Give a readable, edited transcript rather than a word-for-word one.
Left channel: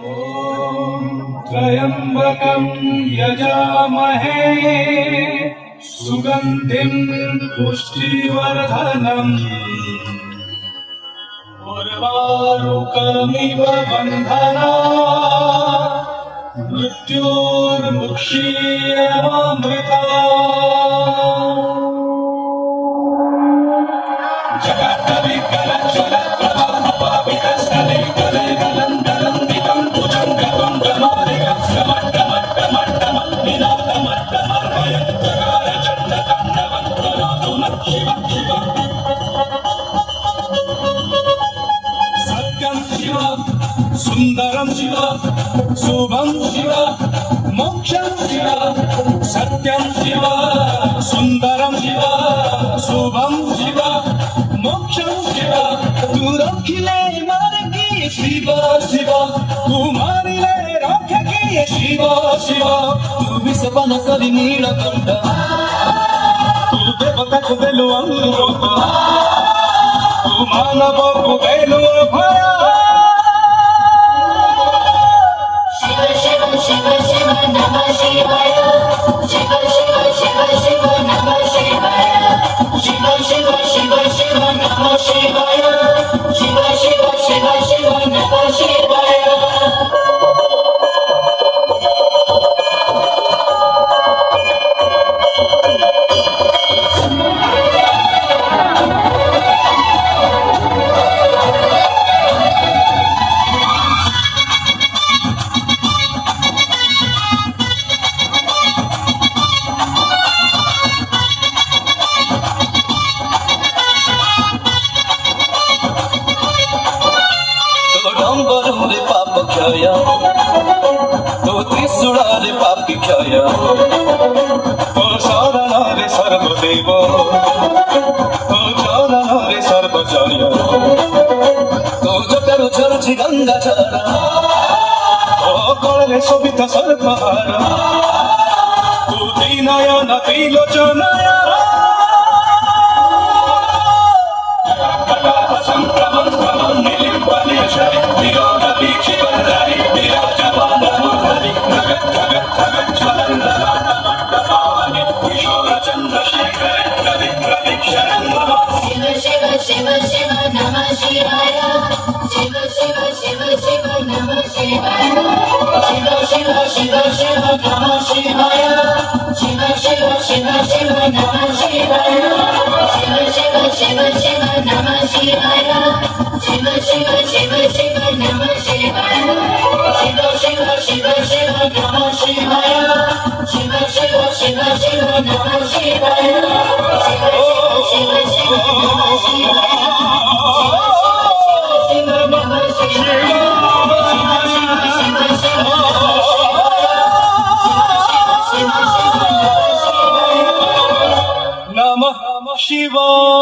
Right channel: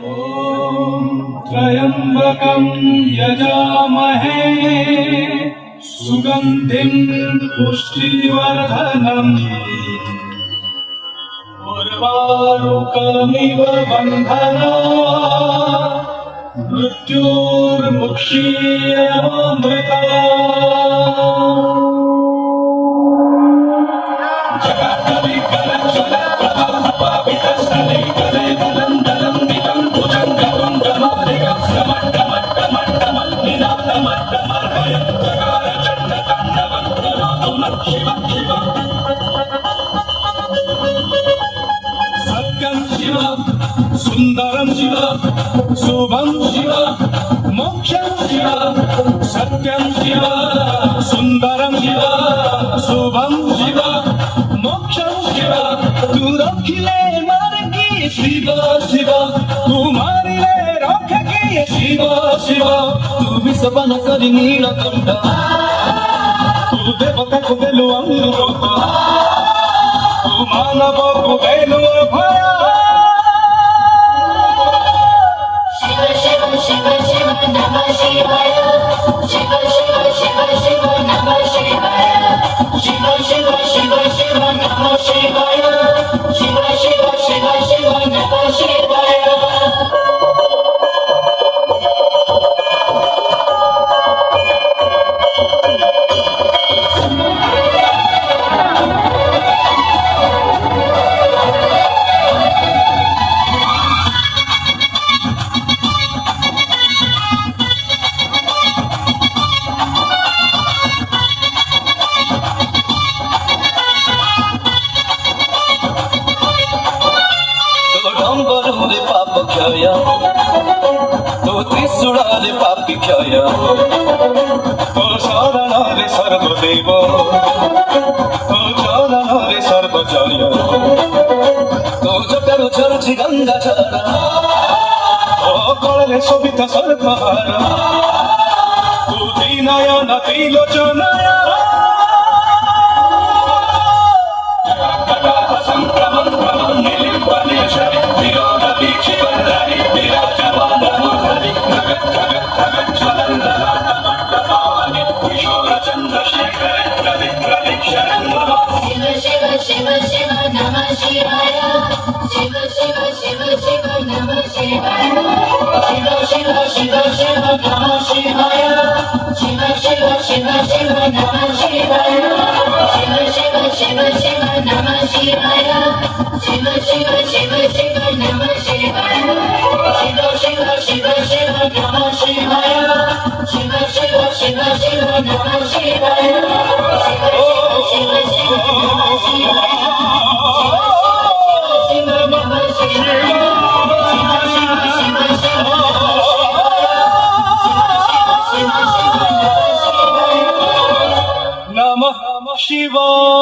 ॐ त्र्यम्बकं यजामहे सुगन्धिं पुष्टिवर्धनम् उर्वारुकमिव बन्धनात् मृत्युर्मुक्षीयमामृता सत्यं शिव सुन्दरं शिव शुभं शिव मोक्षं शिव सत्यं शिव सुन्दरं शिव शुभं शिव मोक्षं शिव तू रखिले मार्गी शिव शिव तू मारिले रखी शिव शिव तू विषपन करी नीलकंठ तू देवताକୁ ଦେଲୁ ଅମୃତ ତୁ ମାନବକୁ ଦେଲୁ ଭୟ तो त्रिशूलाले पापी क्षय तो शरणले सर्वदेव तो चरणले सर्वजय तो जगरो चरुचि गंगा जल तो कळे शोभित सर्वहार तू दीनयन त्रिलोचन Shiva